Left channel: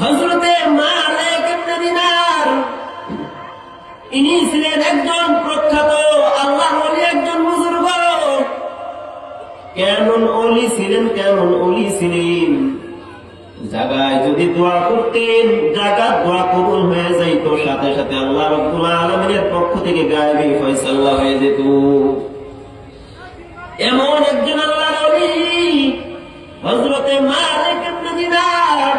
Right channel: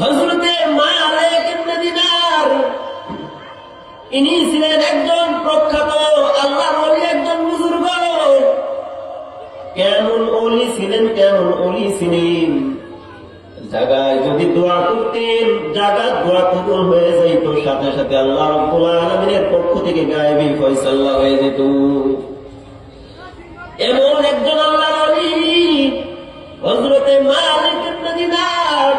হযরতে মালিক ইবনে দিনার ইনি ছিলেন একজন প্রখ্যাত আল্লাহর ওলি, একজন বুজুর্গ। কেমন ওলি ছিলেন, কেমন ওলি ছিলেন! জায়গায় যদি দোয়া করতেন, জায়গার দোয়া কবুল হয়ে যাইত, সাথে সাথে আল্লাহ রাব্বুল আলামিনের পক্ষ থেকে গায়েবী ফয়সালা হয়ে যেত। এমন একজন আল্লাহর ওলি হযরতে মালিক ইবনে দিনার।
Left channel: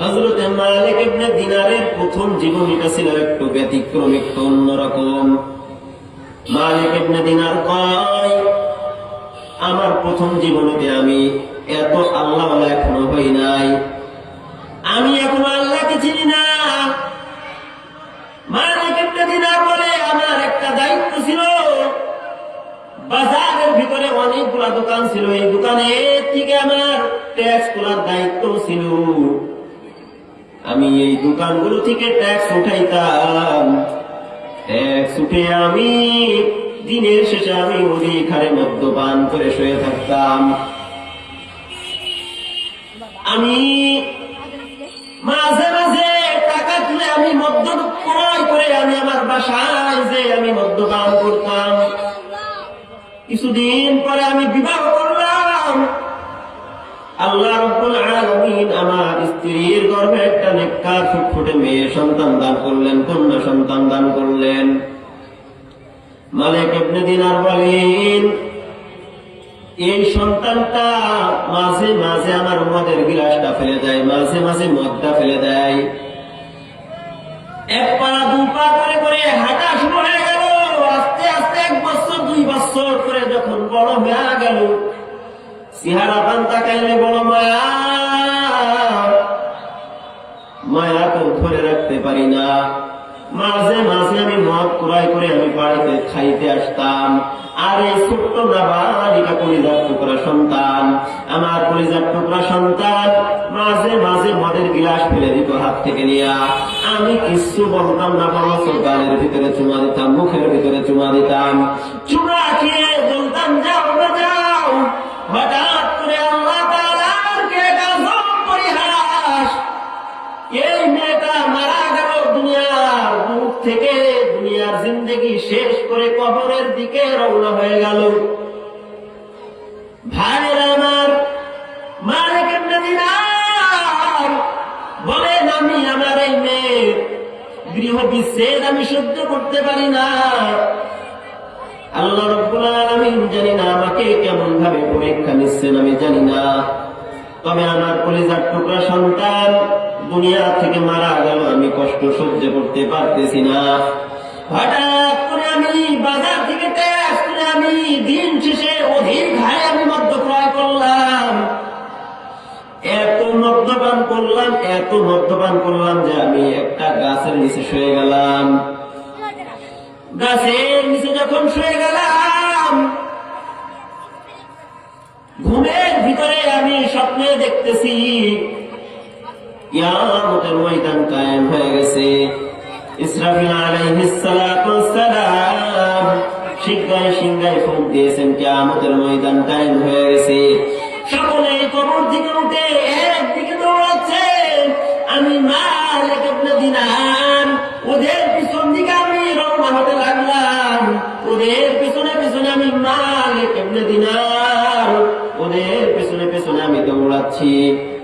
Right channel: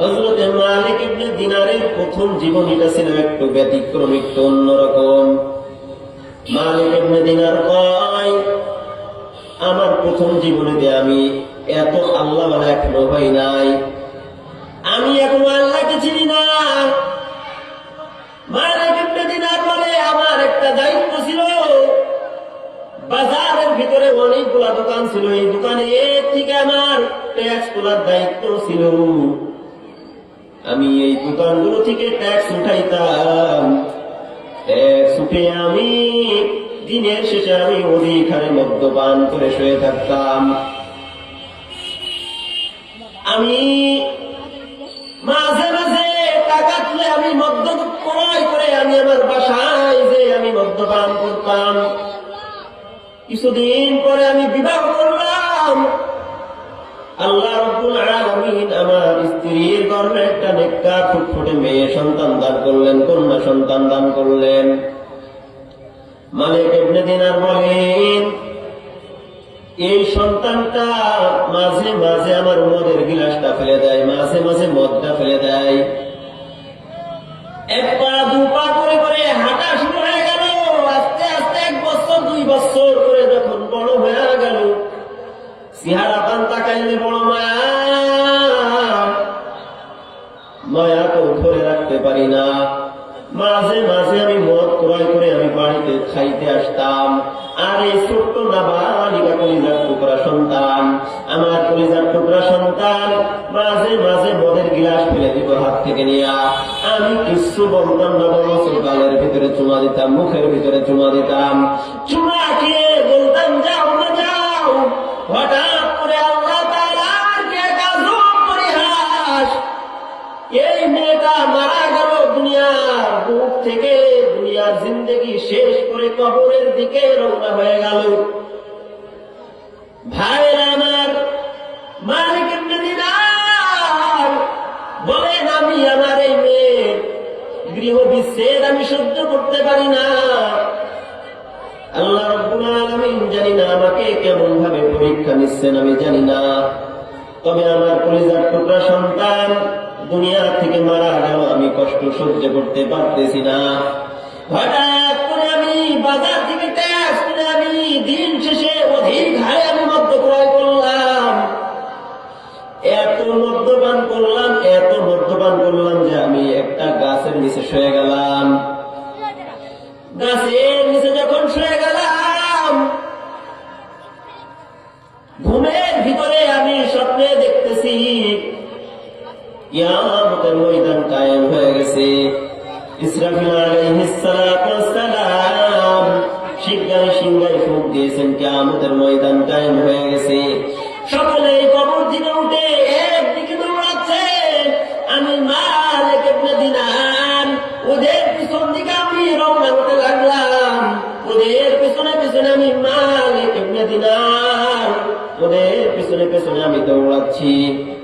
হযরতে মালিক ইবনে দিনারের প্রথম জীবনীটা ছিল একটু ব্যতিক্রম, একটু অন্যরকম। মালিক ইবনে দিনার কয়, আমার প্রথম জীবনীতে আমি এত আল্লাহওয়ালা এখনো হই নাই, আমি এখনো আল্লাহকে চিনি না। মালিক ইবনে দিনার বলে, আমার একটা দায়িত্ব ছিল, বাজারের ভিতরে অনেকগুলা দোকান ছিল, এই দোকানের থেকে আমার ট্যাক্স তোলার দায়িত্ব ছিল। আমি এই দোকানগুলো থেকে ট্যাক্স উঠাইতাম, ট্যাক্স উঠে আমি দিনের শেষে আমি অধিক হারে মদ্যপান করে শুয়ে থাকতাম। আমি মাঝে মাঝে টাকা তুলে আমি মদ্য ক্রয় করে আমি আমার বাসায় যে আমি মদ্যপান করতাম। কিছুদিন পরে আমি বিবাহ করলাম। আল্লাহ রাব্বুল আলামিন আমার স্ত্রীর গর্ভে একটা নেককার ফুটফুটে মেয়ে সন্তান দান করলেন, কন্যা সন্তান দান করলেন। মালিক ইবনে দিনার বলেন, এই সন্তানটা মাঝে মাঝে আমার মদের গিলাসটা ফেলে দেয়, মাঝে মাঝে মদটা ফেলে দেয়। এক পা দু পা করে করে হাঁটা শুরু হয়ে গেল। আস্তে আস্তে 1 বছর 2 বছর করে যখন বড় হয়ে গেল, চেহারা পান তাকাইলে বড় মায়া, মায়াকেও ধরে রাখতে পারি না। মাঝে মাঝে আমি মদ ক্রয় করে আমি বাড়িতে খাইতে আসতাম। আর এই ছোট্ট নাবালিকা কলিজার টুকরা সন্তান, আমার কলিজার টুকরা সন্তান মাঝে মাঝে মদের গিলাস ফেলে দিত হাত থেকে নিয়ে। আমি কিছু বলতাম না, বরঞ্চ গালের ভিতরে চুমা দিতাম, মুখের ভিতরে চুমা দিতাম। চুমা খেয়ে বলতাম, যাও না যাও। হঠাৎ করে আল্লাহ তাআলার কি এক আজব পরিহাস! এই মেয়েটা মারা গেল দুনিয়ার বুক থেকে, দুনিয়ার জিন্দেগি শেষ করে কবরের দিকে রওনা হয়ে গেল। ভাইরা আমার, মালিক ইবনে দিনার বলেন, আমি আমার এই মেয়ের গৃহ বিচ্ছেদ আমি সহ্য করতে পারি না। আল্লাহ রাব্বুল আলামিন জানি না আমাকে কেমন ভাবে পরীক্ষা নিচ্ছেন, আমি জানি না। তবে আমার কলিজার টুকরা সন্তান দুনিয়া থেকে মারা গেল, আমি কষ্ট সহ্য করতে পারতেছি না। হঠাৎ করে আমি বাজার থেকে ট্যাক্স করে আমি দিন শেষে অধিক হারে আমি মদ্য ক্রয় করলাম। এত মদ্যপান করলাম, এত মদ্যপান করলাম যে আমি একটা গাছের নিচে শুয়ে গেলাম। গাছের নিচে যখন শুয়ে গেলাম, ঘুমের ভিতরে আমি স্বপ্নে দেখতেছি কিয়ামতের ময়দান কায়েম হয়ে গেছে। ইসরাফিল আলাইহিস সালাতু ওয়াস সালাম সিংহায় সিংহায় ফুঁক দিয়েছেন, কিয়ামতের ময়দান কায়েম হয়ে গেছে। সকলে কবর থেকে উঠে একদিকে দৌড়াচ্ছে। আমি মালিক ইবনে দিনার ওদের পিছন দিকে আমি রওনা হতে লাগলাম। ওদের পিছনে পিছনে আমি মালিক ইবনে দিনার, ওদের পিছনে পিছনে আমি দৌড়াচ্ছি।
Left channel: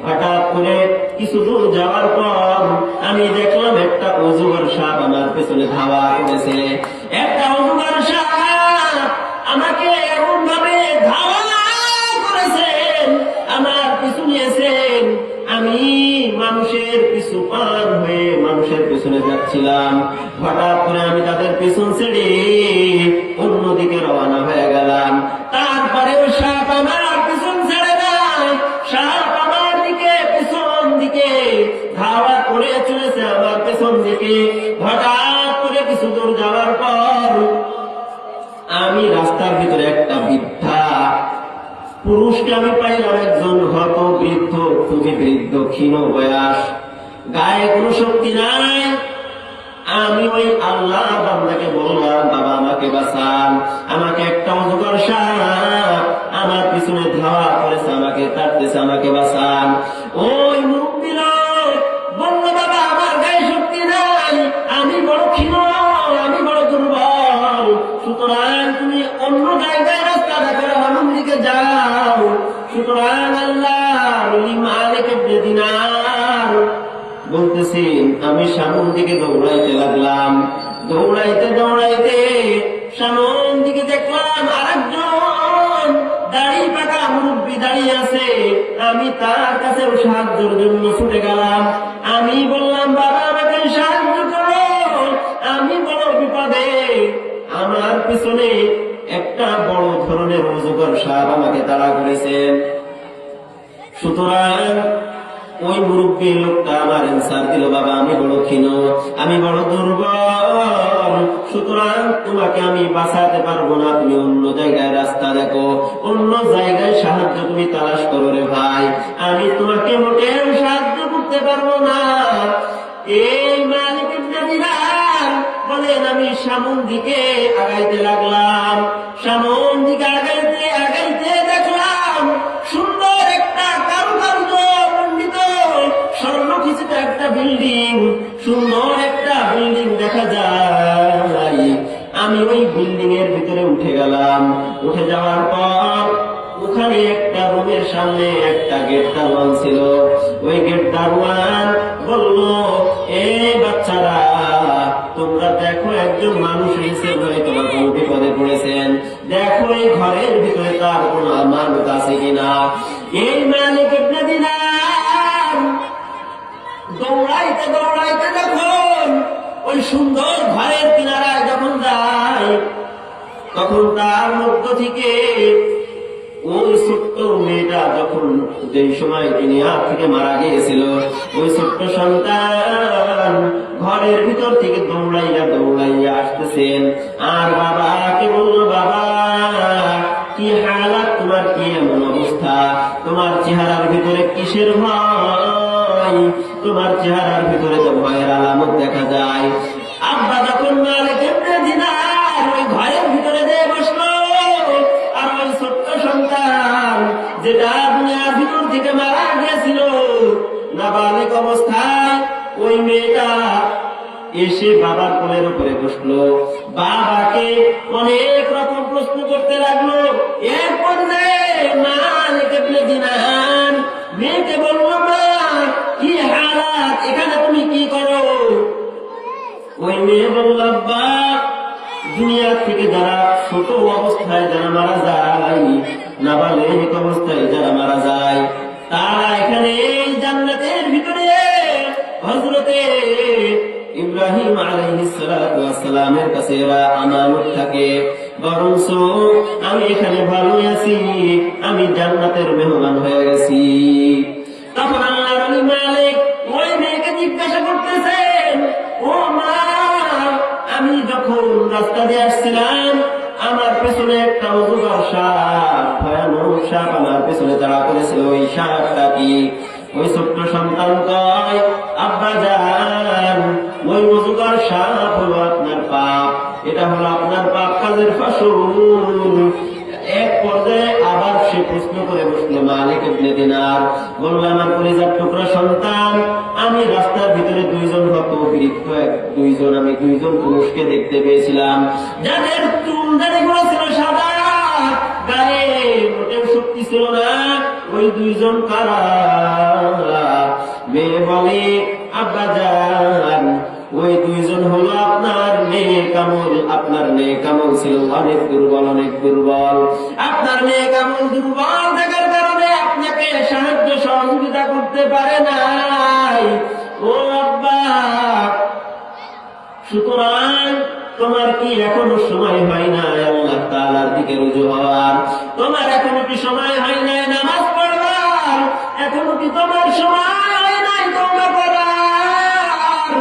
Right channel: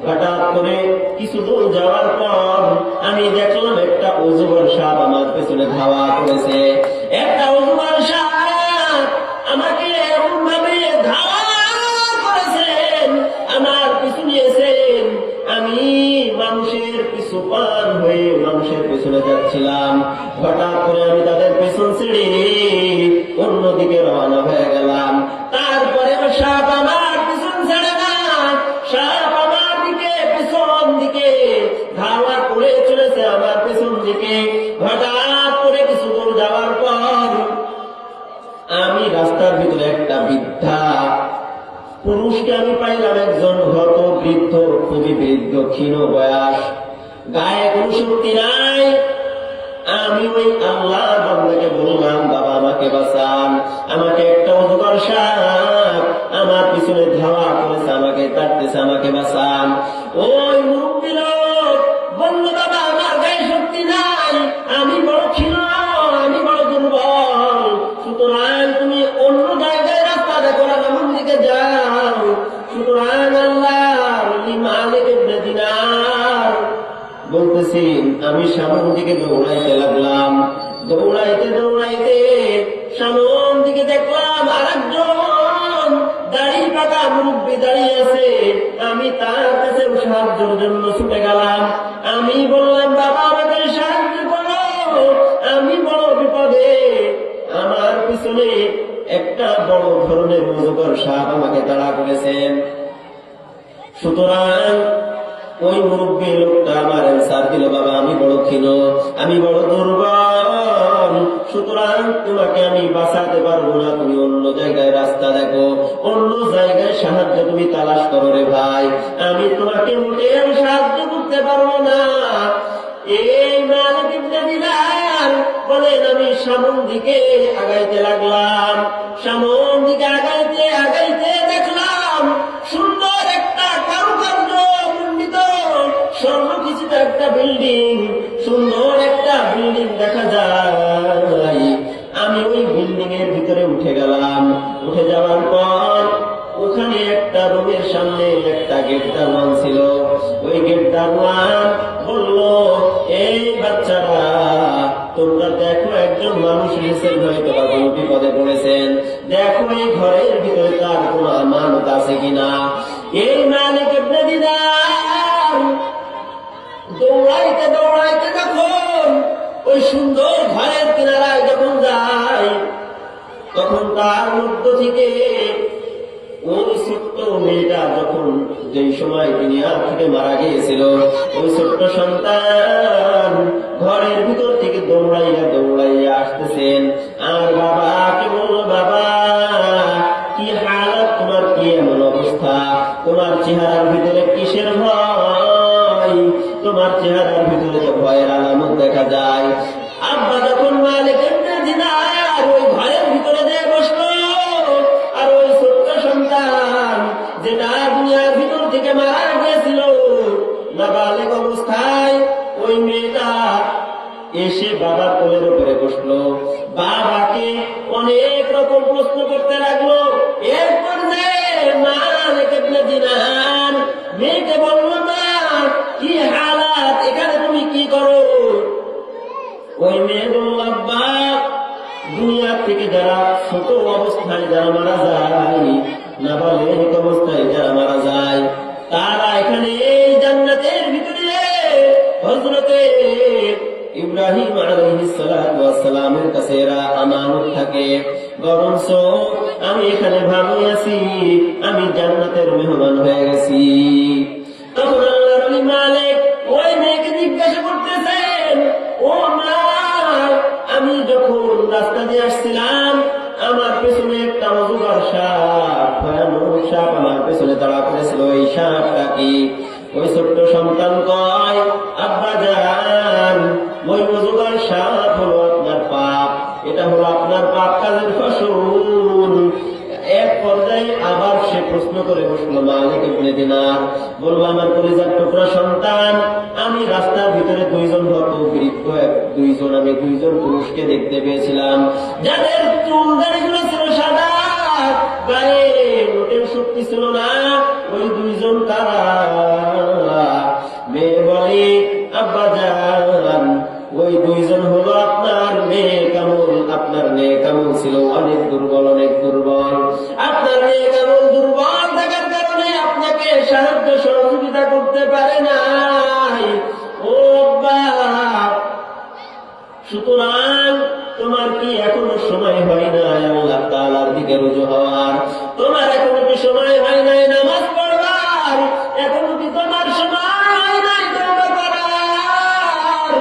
হঠাৎ করে কিছু দূর যাওয়ার পর আমি দেখলাম একটা অজগর সাপ আমার পেছনে ধাওয়া করেছে। একটা অজগর সাপ আমাকে এমন ভাবে ধাওয়া করেছেন, আমার পিছু নিয়েছেন। আমি মানুষের পিছু পার হয়ে মানুষের পেছনে যাচ্ছিলাম। হঠাৎ করে আমি তাদের পেছন ছেড়ে অন্যদিকে রওনা হয়ে গেলাম। তারপরেও সাপ আমার পিছন ছেড়ে না, সাপ আমার দিকে পিছন দিকে ধাওয়া করে চলেছে, আমার পেছন দিকে। হঠাৎ করে কিছু দূর যাওয়ার পর আমি রাস্তার ভিতরে একটা বৃদ্ধা পুরুষকে আমি পাইলাম, একজন হত বৃদ্ধ, খুবই বৃদ্ধ, ক্ষীণ বয়স, গায়ে কোনো শক্তি নাই। আমি ওই আল্লাহ বান্দাকে বললাম, বাবা আমাকে বাঁচান, আমাকে একটা অজগর সাপ আমার পিছনে ধাওয়া করেছে, আমাকে তাড়তেছে, আমাকে বাঁচান। ওই মুরুব্বি বলতেছি আমি সামন দিকে দৌড়াইতে লাগলাম। দৌড়াইতে দৌড়াইতে সামন দিকে দেখলাম আরেকজন দাড়ি পাকা মুরব্বী দাঁড়িয়ে আছে। আমি তার কাছে সাহায্যের জন্য ছুটে গেলাম। আমি বললাম, বাবা আমাকে সাহায্য করো, আমি বড় বিপদে। আমার পিছনে একটা বড় ধরনের অজগর সাপ আমাকে তাড়া করেছেন। সুতরাং ওই মুরব্বী লোকটা আমার অ্যান্সার দিল, বাবা আমি বড় ক্ষীণ, আমি বড় দুর্বল, সুতরাং তোমাকে আমি বাঁচাতে পারবো না, তুমি অন্য জায়গায় রাস্তা দেখো, অন্য জায়গায় সাহায্য তুমি তালাশ করো রে ভাই, আমি তোমাকে মোটেও সাহায্য করতে পারবো না। এই মালিক ইবনে দিনার বলেন, আমি সামন দিকে আগাইতে লাগলাম। সামন দিকে আগাইতে আগাইতে দেখলাম সুন্দর একটা কারুকার্য মণ্ডিত স্বর্ণখচিত একটা বিল্ডিং, সুন্দর একটা বিল্ডিং দেখা যায়। আমি ওই বিল্ডিং এর ভিতরে উঠে গেলাম। উঠে যাওয়ার পর ওখানে একটা রুমের সামনে একটা গেট দারোয়ান ছিল। ওই গেট দারোয়ান বলল, এই বাচ্চারা তোমরা দেখো একজন মানুষ নিচে হয়তো বা কোনো বিপদে পড়েছেন, দেখো এই ঘরের ভিতরে তার কোন আমানত আছে কিনা। এই মালিক ইবনে দিনার দৌড়াইতে দৌড়াইতে যখন ওই সুন্দর ঘরের কিনারায় যখন যায়, তখন তার মধ্য থেকে ওই ছোট্ট মেয়েটা যখন যেই সময় দুনিয়া থেকে মারা গিয়েছিল, ওই ছোট্ট সন্তান ঘরের ভিতর থেকে দৌড়াইয়া দৌড়াইয়া আসতেছেন। আর বাবাকে বলল, বাবা কি হালাত তোমার, কি এমন অবস্থা, তোমার চেহারার ভিতরে কিসের ভয়, তোমার চেহারার ভিতরে তো ভয়ের আলামত দেখা যায়। আব্বা যখন মালিক ইবনে দিনার ওই ঘরের ভিতরে যেয়ে বসলো, আর ওই ছোট্ট সন্তান যেটা দুনিয়ার ভিতর থেকে মারা গিয়েছিল নাবালেগ অবস্থায়, ওই মেয়েটা এসে বাবার কোলের উপরে বসলো, বাবাকে অনেক রকম প্রশ্ন করতে লাগলো। এর পর্যায়ে মালিক ইবনে দিনার মেয়েকে বলল, মা কি হালাত, এখানে তুমি কি করো? ওই মেয়ে বলল, আব্বা দুনিয়া থেকে যারা ছোট অবস্থায় যারা মারা যায়, নাবালেগ অবস্থায় যারা মারা যায়, তারা এখানে এই জান্নাতের ভিতরে হযরতে ইব্রাহিম আলাইহিস সালাতু ওয়াস সালামের কাছে এরা আমানত থাকে। বরঞ্চ আমি এখানে ভালোই আছি, আমি জান্নাতের মেহমান হয়ে গেছি। তখন আল্লাহর ওলি মালিক ওই মেয়েকে জিজ্ঞাসা করতেছেন, ও মা, আমি যখন রাস্তা দিয়ে আসছিলাম আমার পেছনে একটা অজগর সাপ, ভয়ানক সাপ আমার পেছনে তাড়া করেছিল, ওই সাপটা কি? ওই ছোট্ট সন্তান কয়, আব্বা জান ওই অজগর সাপ হলো আপনার পাপ, এটা হলো আপনার পাপ কাজের ফসল। এক পর্যায়ে আবার সে প্রশ্ন করে বসলো মালিক ইবনে দিনার, বলল, আমার কলিজার টুকরা সন্তান, আমি রাস্তার ভিতরে দুইজন হতবৃত্ত দুইজন পুরুষকে দেখতে পেয়েছিলাম, যাদের চুল দাড়িগুলো ছিল সাদা, গায়ে মোটেও শক্তি ছিল না, ওই দুইজন কারা? মেয়ে বলে, আব্বা জান ওই দুইজন হলো আপনার নেক আমল, আপনার নেক আমল ছিল অনেক দুর্বল, অনেক দুর্বল, আপনার নেক আমল দুর্বল থাকার কারণে আপনাকে সাহায্য সহযোগিতা করতে পারে নাই। ও আব্বা, সুতরাং তোমার কি এখনো সময় হয় নাই আল্লাহ তাআলার দিকে রুজু হওয়ার? তোমার এখনো কি সময় হয় নাই নামাজ পড়বার? এখনো কি তোমার সময় হয় নাই তওবা করার?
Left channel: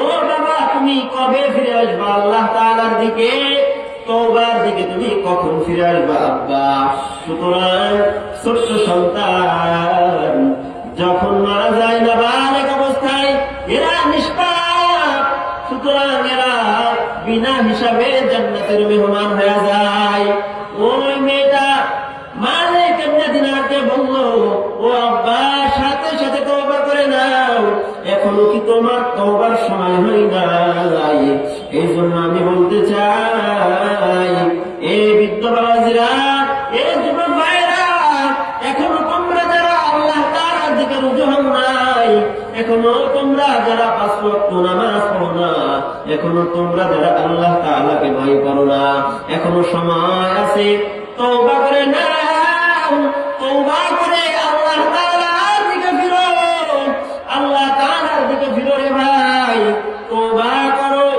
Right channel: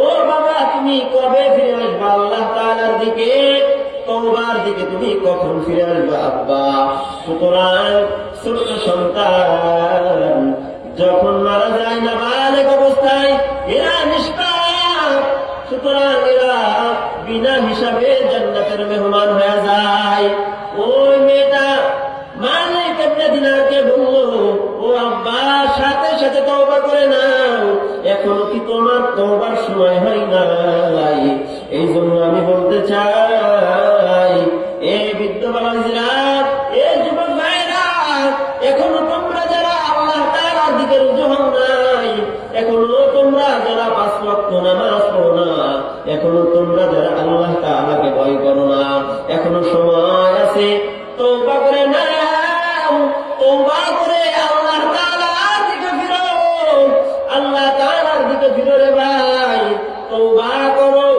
ও বাবা, তুমি কবে ফিরে আসবা আল্লাহ তাআলার দিকে? তওবার দিকে তুমি কখন ফিরে আসবা আব্বা? সুতরাং ছোট্ট সন্তান যখন মারা যায় নাবালেগ অবস্থায়, এরা নিষ্পাপ, সুতরাং এরা বিনা হিসাবে জান্নাতের মেহমান হয়ে যায়। ওই মেয়েটা মালিক ইবনে দিনারকে বলল, ও আব্বা, সাথে সাথে তওবা করে নাও, এখনো কি তোমার তওবার সময় হয় নাই? এই জন্য আমি বলতে চাই, এই বৃদ্ধ বাবাজিরা, এই যুবক ভাইরা, এখনো তোমরা যারা আল্লাহ তাআলার দিকে রুজু হও নাই, এখনো তোমরা এখনো তোমরা যারা আল্লাহ তাআলাকে ভয় করো না, এখনো সময় আছে, তওবা করে নাও, তওবা করে আল্লাহ তাআলার দিকে ফিরো, আল্লাহ তাআলার দিকে ফিরো রে ভাই, তওবা করো।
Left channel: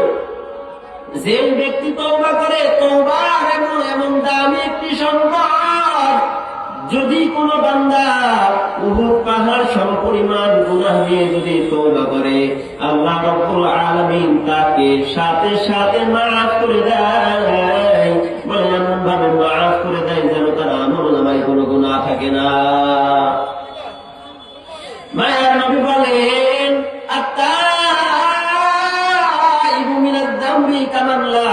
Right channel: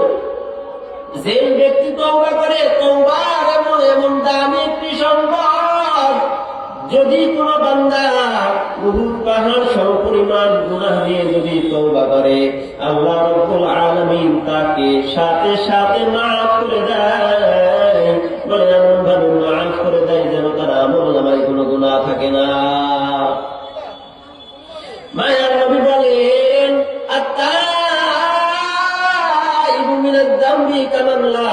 যে ব্যক্তি তওবা করে, তওবার এমন এমন দামি একটি সম্পদ, যদি কোন বান্দা উহুদ পাহাড় সমপরিমাণ গুনাহ নিয়ে যদি তওবা করে, আল্লাহ রাব্বুল আলামিন তাকে সাথে সাথে মাফ করে দেয়। বলে এমন ভাবে মাফ করে দেয় যেন তার আমলনামায় কোনো গুনাহ থাকে না। মায়ার নবী বলেন, আত-তাইবু মিনাজ যামবি কামান লা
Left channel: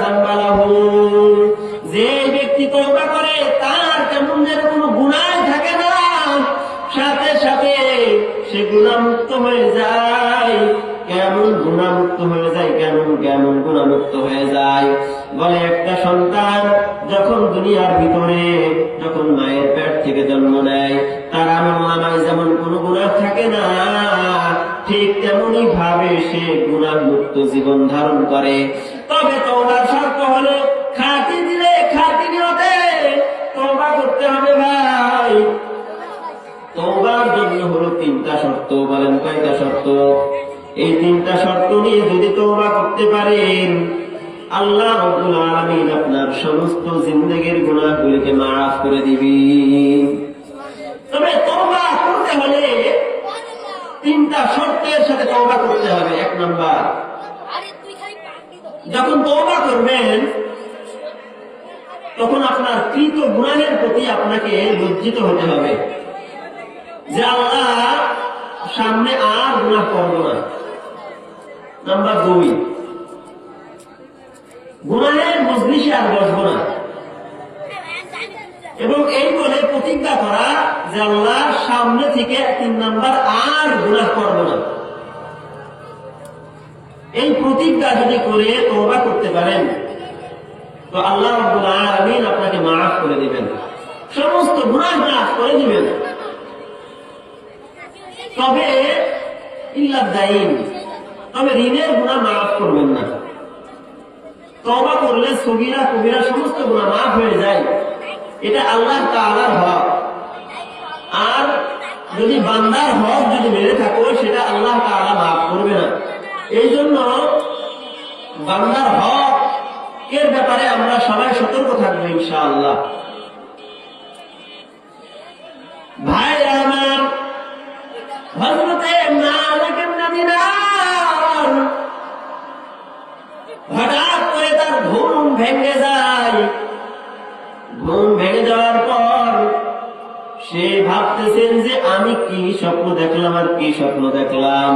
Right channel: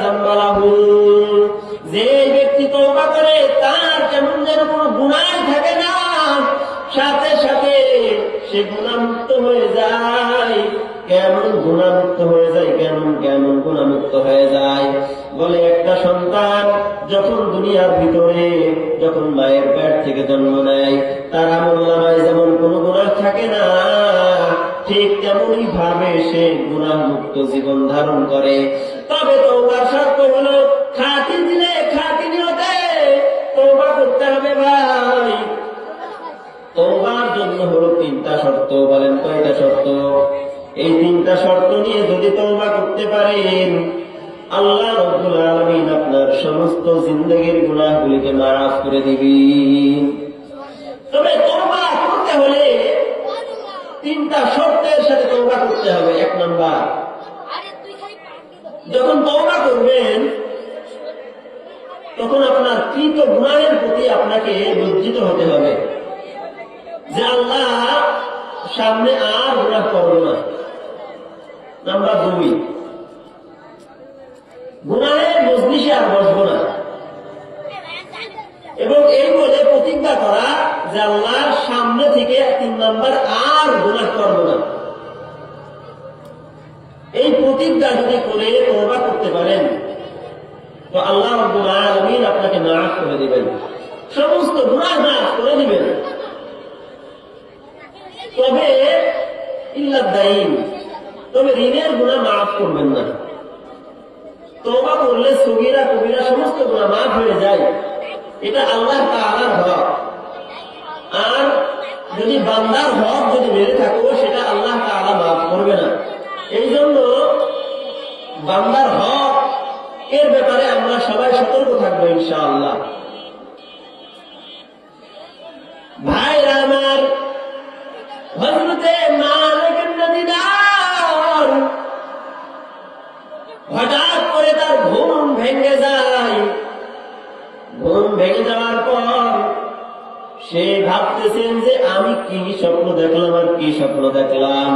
যামবা লাহু। যে ব্যক্তি তওবা করে তার কেমন যেন কোনো গুনাহ থাকে না, সাথে সাথে সে গুনাহমুক্ত হয়ে যায়। কেমন গুনাহমুক্ত হয়ে যায়, কেমন কেমন গুনাহমুক্ত হয়ে যায়। বলে একটা সন্তান যখন দুনিয়ার ভিতরে যখন মায়ের পেট থেকে জন্ম নেয়, তার আমলনামায় যেমন কোনো গুনাহ থাকে না, ঠিক তেমনি ভাবে সে গুনাহমুক্ত জীবন ধারণ করে। তবে তওবার শর্ত হলো খাঁটি দিলে খাঁটি নিয়তে তওবা করতে হবে ভাই। তওবার জন্য হলো 3টা শর্ত। বলেন কয়টা শর্ত? এই 3টা শর্ত নিয়ে যদি তওবা করতে পারেন, আল্লাহ রাব্বুল আলামিন আপনার সমস্ত জিন্দেগীর গুনাহগুলিকে মাফ করে দিবেন। তবে তওবা করতে হলে 3টা শর্তের সাথে তওবা করতে হবে। 1 নাম্বার, যখন তওবা করবেন তখন আপনার কৃত গুনাহের প্রতি আপনাকে লজ্জিত হতে হবে যে আল্লাহ সামনে আর গুনাহ করব না। নাম্বার 2, গুনাহের মজলিসে আর বসবো না, এবং এই বলে প্রতিজ্ঞা করা যে আল্লাহ সামনে থেকে 3 নাম্বার আর গুনাহ করব না। এই প্রতিজ্ঞা যদি করে তওবা করতে পারেন তো আল্লাহ রাব্বুল আলামিন আপনাকে মাফ করে দিবেন, সমস্ত গুনাহ মাফ করে দিবেন। তবে ইল্লাদ দাইন, তবে ঋণের গুনাহ মাফ করবেন না। তওবা করলে সগীরা কবিরা সমস্ত গুনাহ মাফ হয়ে যায়, এটা আল্লাহ তাআলার হক। আর যদি বান্দার হক যদি মেরে থাকো, সেটা আল্লাহ তাআলা মাফ করবে না। এই জন্য বান্দার হক এর ব্যাপারে আমরা সবাই সতর্ক থাকবো ইনশাআল্লাহ। ভাইরা আমার, হযরতে মালিক ইবনে দিনার হঠাৎ করে তার ঘুম ভেঙে যায়। ঘুম ভেঙে যাওয়ার পর সে ভাবতেছেন যে আমি কি স্বপ্ন দেখলাম আর কি স্বপ্ন দেখলাম।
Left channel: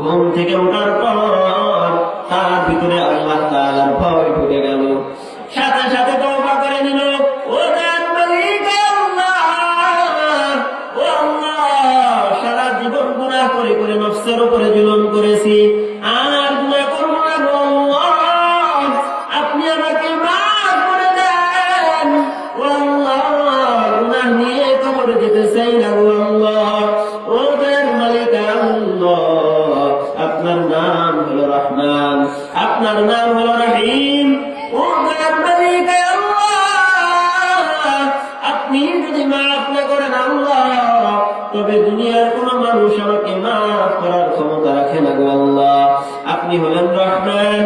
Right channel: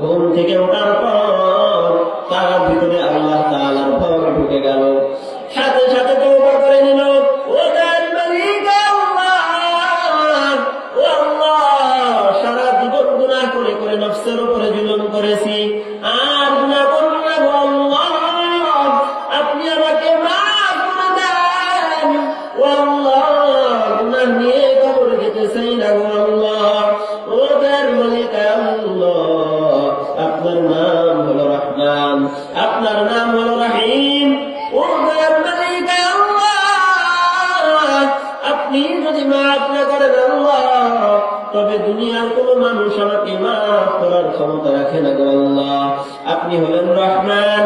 ঘুম থেকে ওঠার পর তার ভিতরে আল্লাহ তাআলার ভয় ঢুকে গেল। সাথে সাথে তওবা করে নিল, ও তার মালিক আল্লাহ, ও আল্লাহ, সারা জীবন গুনাহ করে করে নফসের উপরে জুলুম করেছি, আর গুনাহ করব না গো আল্লাহ, আপনি আমাকে মাফ করে দেন। ও আল্লাহ, গুনাহ নিয়ে কবরে যেতে চাই না গো আল্লাহ। ও তার মালিক আল্লাহ, আপনার নাম হলো রহমান, আপনার নাম হলো রহিম। ও দয়ার মালিক আল্লাহ, আপনি যদি মাফ না করেন আল্লাহ, তবে দুনিয়ার কোন মানুষ আমাকে মাফ করার ক্ষমতা রাখে না গো আল্লাহ। আপনি হলেন রহমান,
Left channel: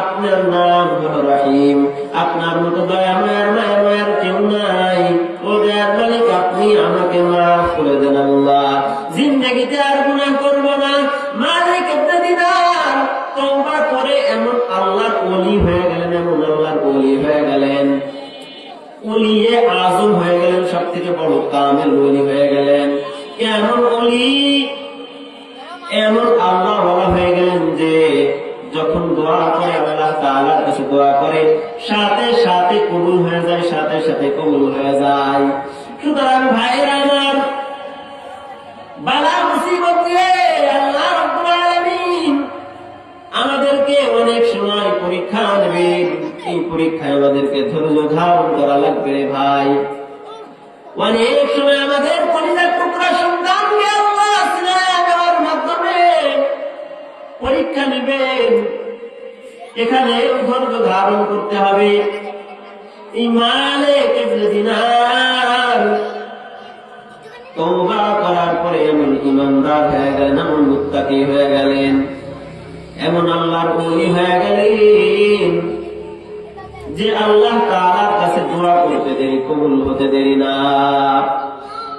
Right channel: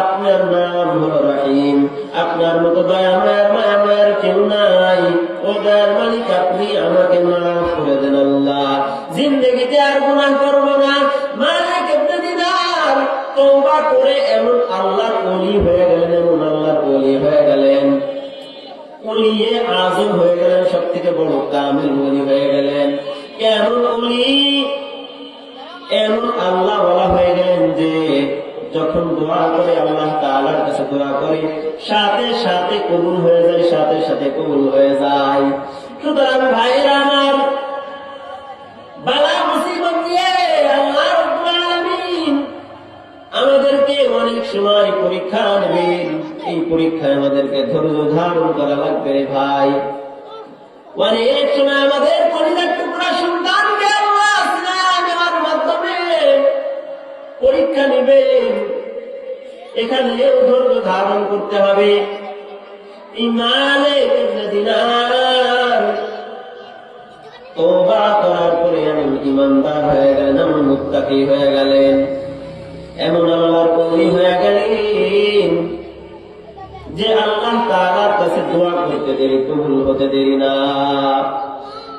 আপনার নাম হলো রহিম, আপনার মতো দয়াময়ের কেউ নাই। ও দয়ার মালিক, আপনি আমাকে মাফ করে দেন আল্লাহ, জিন্দেগিতে আর গুনাহ করব না। মালিক ইবনে দিনার তওবা করে এমন আল্লাহর ওলি হয়ে গেলেন, এমন আল্লাহর ওলি হয়ে গেলেন, ওলিয়ে আজম হয়ে গেলেন, সব থেকে বড় কামেল ওলি হয়ে গেলেন। এমন ওলি, এমন আল্লাহ ওয়ালা হয়ে গেলেন যে যখন দোয়া করে আল্লাহ তাআলার কাছে দোয়া করে সাথে সাথে কবুল হয়ে যায়, সাথে সাথে কবুল হয়ে যায়। সুতরাং ভাইরা আমার, বালা মুসিবত দিয়ে আল্লাহ রাব্বুল আলামিন আমাদেরকে অনেক সময় পরীক্ষা নেবেন। এই পরীক্ষায় আমাদেরকে ধৈর্য ধারণ করা লাগবে রে ভাই। অনেক সময় আমাদের কলিজার টুকরা সন্তানকে আল্লাহ সিনায় নেওয়ার মাধ্যমে পরীক্ষা নেবেন। এখানে ধৈর্য ধারণ করতে হবে। এই মালিক ইবনে দিনার তওবা করার পরে এমন ইমানদার হয়ে গেলেন, এমন মুত্তাকি হয়ে গেলেন, এমন আল্লাহর ওলি হয়ে গেলেন যে আল্লাহ তাআলার কাছে দোয়া করতে দেরি, কবুল হতে দেরি না।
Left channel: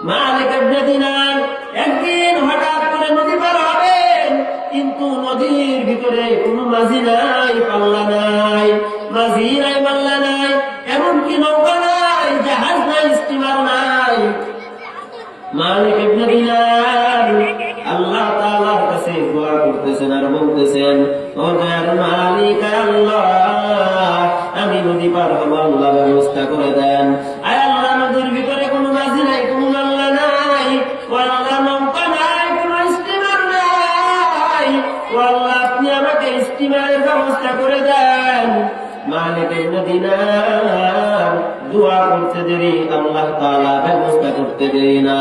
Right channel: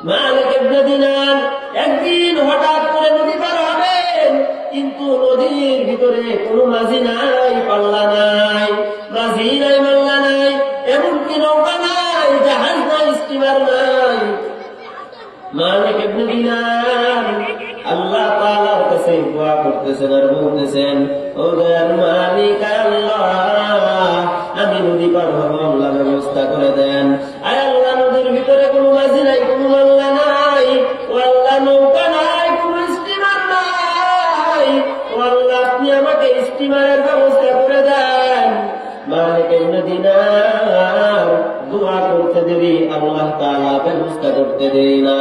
মালিক ইবনে দিনার একদিন হঠাৎ করে নদী পার হবেন, কিন্তু নদীর ভিতরে কোনো মাঝি নাই, পাল্লা নাই, মাঝি নাই, মাল্লা নাই, এমনকি নৌকা নাই, জাহাজ নাই, স্টিমার নাই। মালিক ইবনে দিনার আল্লাহ তাআলার কাছে দোয়া করতেছেন আর বলতেছেন, ও দয়ার মালিক আল্লাহ, আমি নদী পার হবো, আল্লাহ ব্যবস্থা করে দেন। আয় আল্লাহ, নদীর ভিতরে কোনো মাঝি নাই, কোনো মাল্লা নাই, ও আল্লাহ নৌকা নাই, কোনো স্টিমার নাই, ও আল্লাহ আপনি আমাকে স্টিমারের ব্যবস্থা করে দেন। মালিক ইবনে দিনার দোয়া করতে দেরি, আল্লাহ তাআলা ব্যবস্থা করতে দেরি না।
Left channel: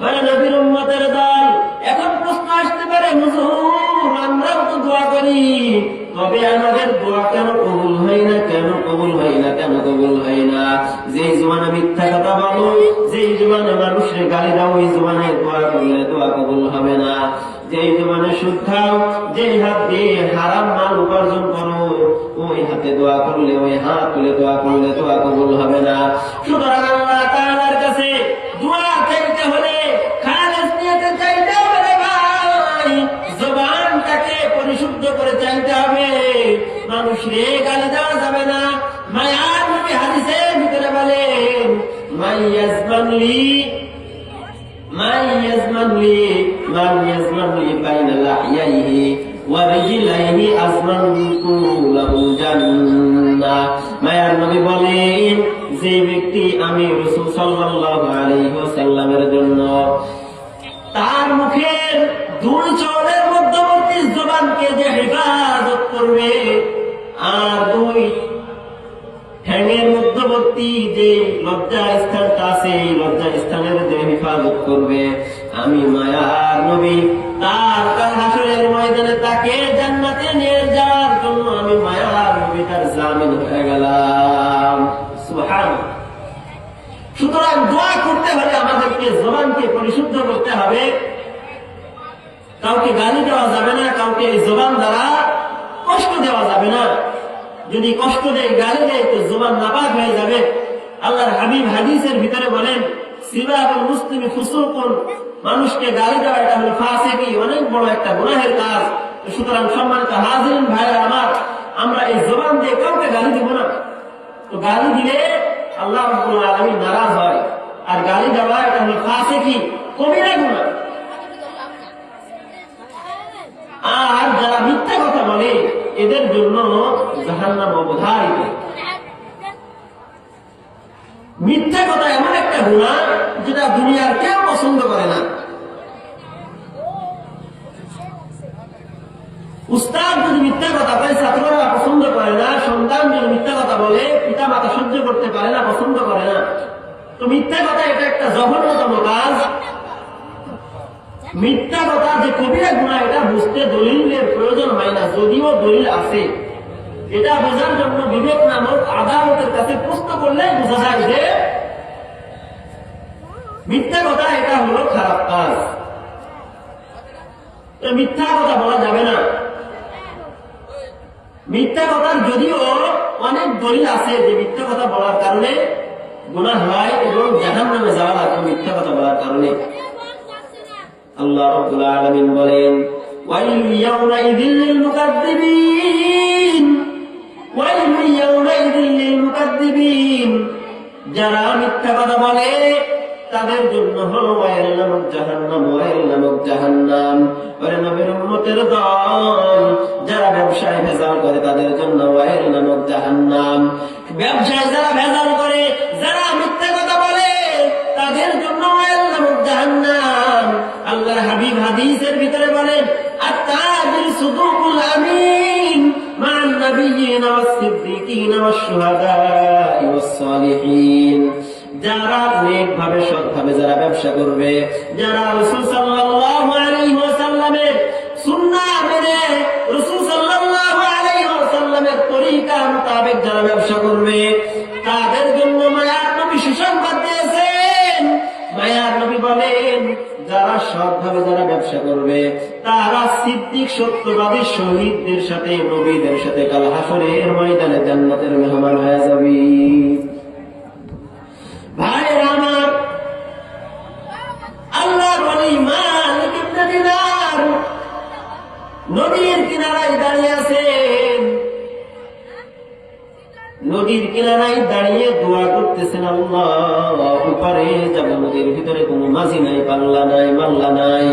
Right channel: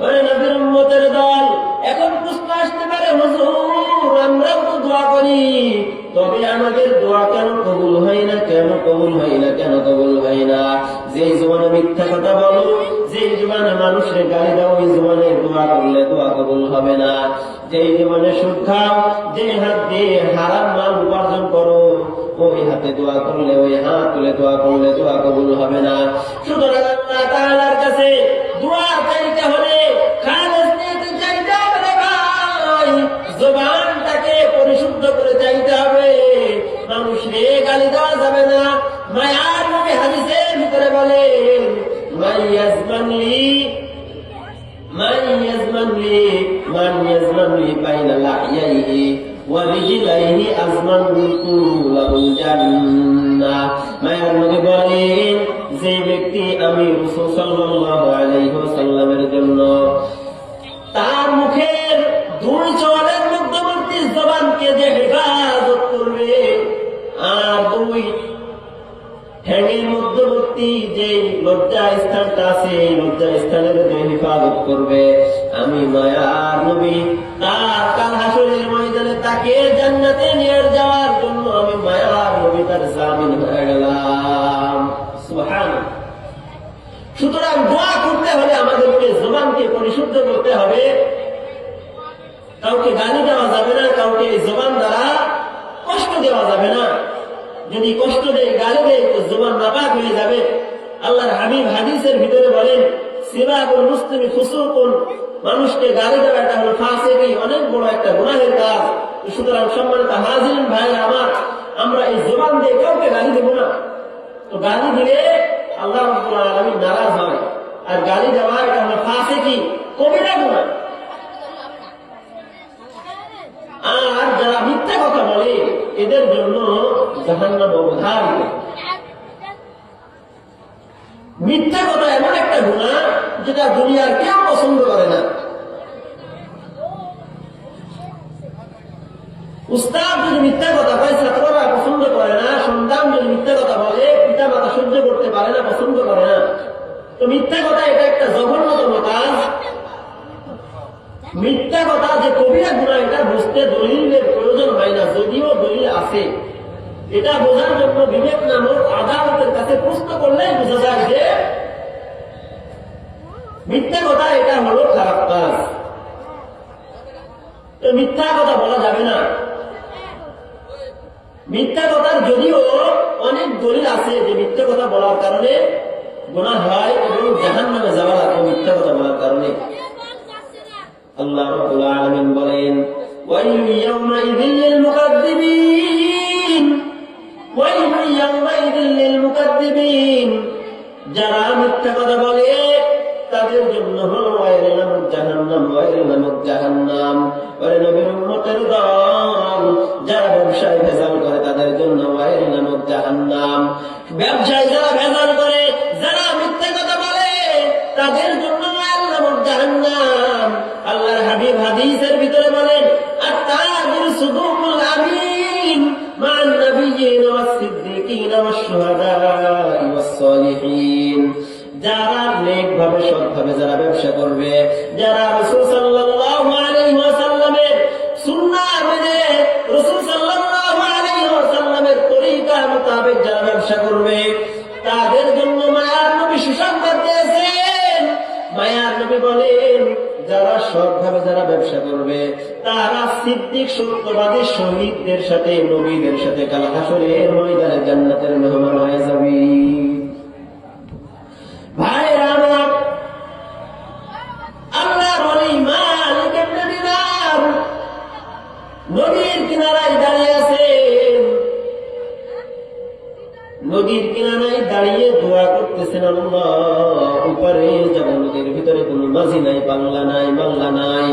মানে নবীর উম্মতের দল, এখন প্রশ্ন আসতে পারে, হুজুর আমরাও তো দোয়া করি, তবে আমাদের দোয়া কেন কবুল হয় না, কেন কবুল হয় না, কেন কবুল হয় না? যেই জবানে মিথ্যা কথা বলো, যেই জবানে মানুষের গালি দাও, ওই জবানে দোয়া করলে দোয়া কবুল হবে না। যেই জবানে সুদ খাও, যেই হাত দিয়ে হারাম মাল উপার্জন করো, ওই হাতে দোয়া করলে, ওই হাত তুলে দোয়া করলে দোয়া কবুল হবে না। সুতরাং আল্লাহ তাআলার কাছে দোয়া চাইতে হলে খালেস নিয়তে চাইতে হবে রে ভাই, জবানটাকে পরিশুদ্ধ করে চাইতে হবে। মানুষরে গালি দেওয়া যাবে না। মায়ার নবী হাদিসের ভিতরে বলেন, মান ইয়াজমান লি বাইনা লাহইয়াইহি ওয়া রিজলাইহি আজমানতু লাহুল জান্নাহ। মায়ার নবী বলেন, যে ব্যক্তি আমি রাসূল সাল্লাল্লাহু আলাইহি ওয়াসাল্লামের জন্য তার মুখের দুই চোয়ালের মধ্যবর্তী জবানকে যে হেফাজত করবে, আর দুই ঠ্যাঙের মধ্যবর্তী যে লজ্জা স্থানটা আছে, এই লজ্জা স্থানের যে হেফাজত করবে, আমি মায়ার নবী তার কাল হাসরের ময়দানে তাকে জান্নাতে নিয়ে যাওয়ার জন্য আমি মায়ার নবী তার জামিন হয়ে গেলাম। সুবহানাল্লাহ। সুতরাং দোয়া করতে হলে আমাদেরকে জবানকে পরিশুদ্ধ করতে হবে। কাউকে গালি দেওয়া যাবে না, কাউকে এই জবান দ্বারা কষ্ট দেওয়া যাবে না। যদি কষ্ট দেয়, গালি দেয়, তো জবান নাপাক হয়ে যাবে। আল্লাহর হাবিব হাদিসের ভিতরে বলেন, সিবাবুল মুসলিমি ফুসুকুন, মানুষকে গালি দেওয়া এটা হলো ফাসিকি, অনেক বড় একটা গুনাহের কাজ। সুতরাং সম্মানিত হাজিরিন ভাইরা আমার, আমরা এই জবান দিয়ে কাউকে গালি দেব না। তো গালি দিলে আল্লাহ রাব্বুল আলামিন নারাজ হয়, আর গালি দেওয়া এটা হলো ফাসিকি, কবিরা গুনাহ। আর যারা মিথ্যা কথা বলে, এদের জন্য জাহান্নাম অবধারিত। মিথ্যা কথা এমন একটা গুনাহ যেটা দুনিয়ার কেউ পছন্দ করে না। উস্তাদ যদি মিথ্যা কথা বলে, ছাত্ররা পছন্দ করে না। সন্তান যদি মিথ্যা কথা বলে, পিতা মাতা সহ্য করতে পারে না, পছন্দ করে না। তো মিথ্যা কথা এটা একটা জঘন্যতম কাজ। মিথ্যা কথা যে কবিরা গুনাহ, এটা বুঝতে দলিলের প্রয়োজন হয় না, যদিও দলিল আছে। এটা বোঝার জন্য বিবেক নামক আদালতের কাছে প্রশ্ন করলেই বোঝা যায় যে মিথ্যা কথা এটা হলো খারাপ কাজ। তো মিথ্যা কথা বলা যাবে না। মিথ্যা কথার যদিও অনেক দলিল আছে যে মিথ্যা কথা বলার কারণে গুনাহ হয় এবং জাহান্নামে যাওয়া লাগে মিথ্যা কথা বলার কারণে। আল্লাহ রাব্বুল আলামিন বলেন, ওয়াইলু ইয়াউমাইযিল লিল মুকাদ্দিবিন, ওয়াইলু ইয়াউমাইযিল লিল মুকাদ্দিবিন, যারা মিথ্যা কথা বলে তাদের জন্য হলো ওয়াইল নামক জাহান্নাম, ওয়াইল নামক জাহান্নাম। ওরে নবীর উম্মতের দল, যারা ব্যবসায় ভেজাল করে তাদের জন্য ওয়াইল নামক জাহান্নাম। ব্যবসায় যারা ভেজাল করে, যারা মিথ্যা কথা বলে, তাদের জন্য ওয়াইল নামক জাহান্নাম। আল্লাহর হাবিব হাদিসের ভিতরে বলেন, আত-তাজির সুদুকুল আমিন মা'আন নাবিয়্যিন ওয়াস সিদ্দিকিন ওয়াস শুহাদা'i ওয়াস সালিহিন। যারা নেকভাবে সৎভাবে যারা ব্যবসা করবে, যারা রাসূল সাল্লাল্লাহু আলাইহি ওয়াসাল্লামের সুন্নাহ মেনে রাসূল সাল্লাল্লাহু আলাইহি ওয়াসাল্লামের ভাবে যারা ব্যবসা করবে তারা সিদ্দিক সত্যবাদী শহীদদের সাথে নবীদের সাথে কাল হাসরের ময়দানে জান্নাতের মেহমান হয়ে যাবে। ভাইরা আমার, আল্লাহর ওলি মালিক ইবনে দিনার নদীর কিনারায় দাঁড়িয়ে আছেন, নদীর কিনারায় দাঁড়িয়ে দোয়া করতেছেন, আল্লাহ উপরে যাব, নদীর ভিতরে কোনো মাঝি নাই, পাল্লা নাই, মাল্লা নাই।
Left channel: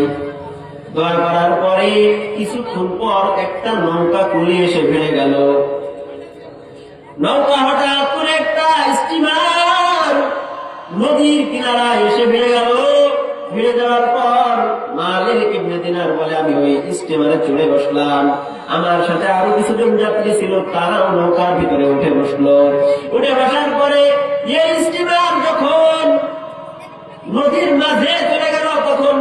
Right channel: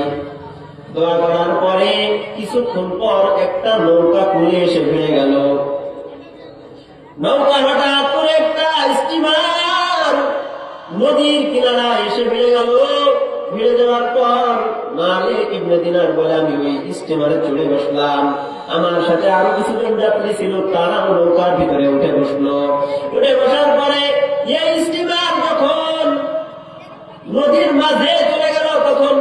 দোয়া করার পরে কিছুক্ষণ পর একটা নৌকা কুলে এসে ভিড়ে গেল। নৌকা হঠাৎ করে একটা স্টিমার নদীর কিনারায় এসে ভিড়ে গেল। ভিড়ে যাওয়ার পর মালিক ইবনে দিনার বলে, আমি ওই স্টিমারে চড়ে বসলাম, আমার সাথে আরো কিছুজন যাত্রী ছিল, তারাও নৌকার ভিতরে উঠে বসলো। উঠে বসার পরে এই স্টিমার যখন নদীর মাঝে চলে গেল, তখন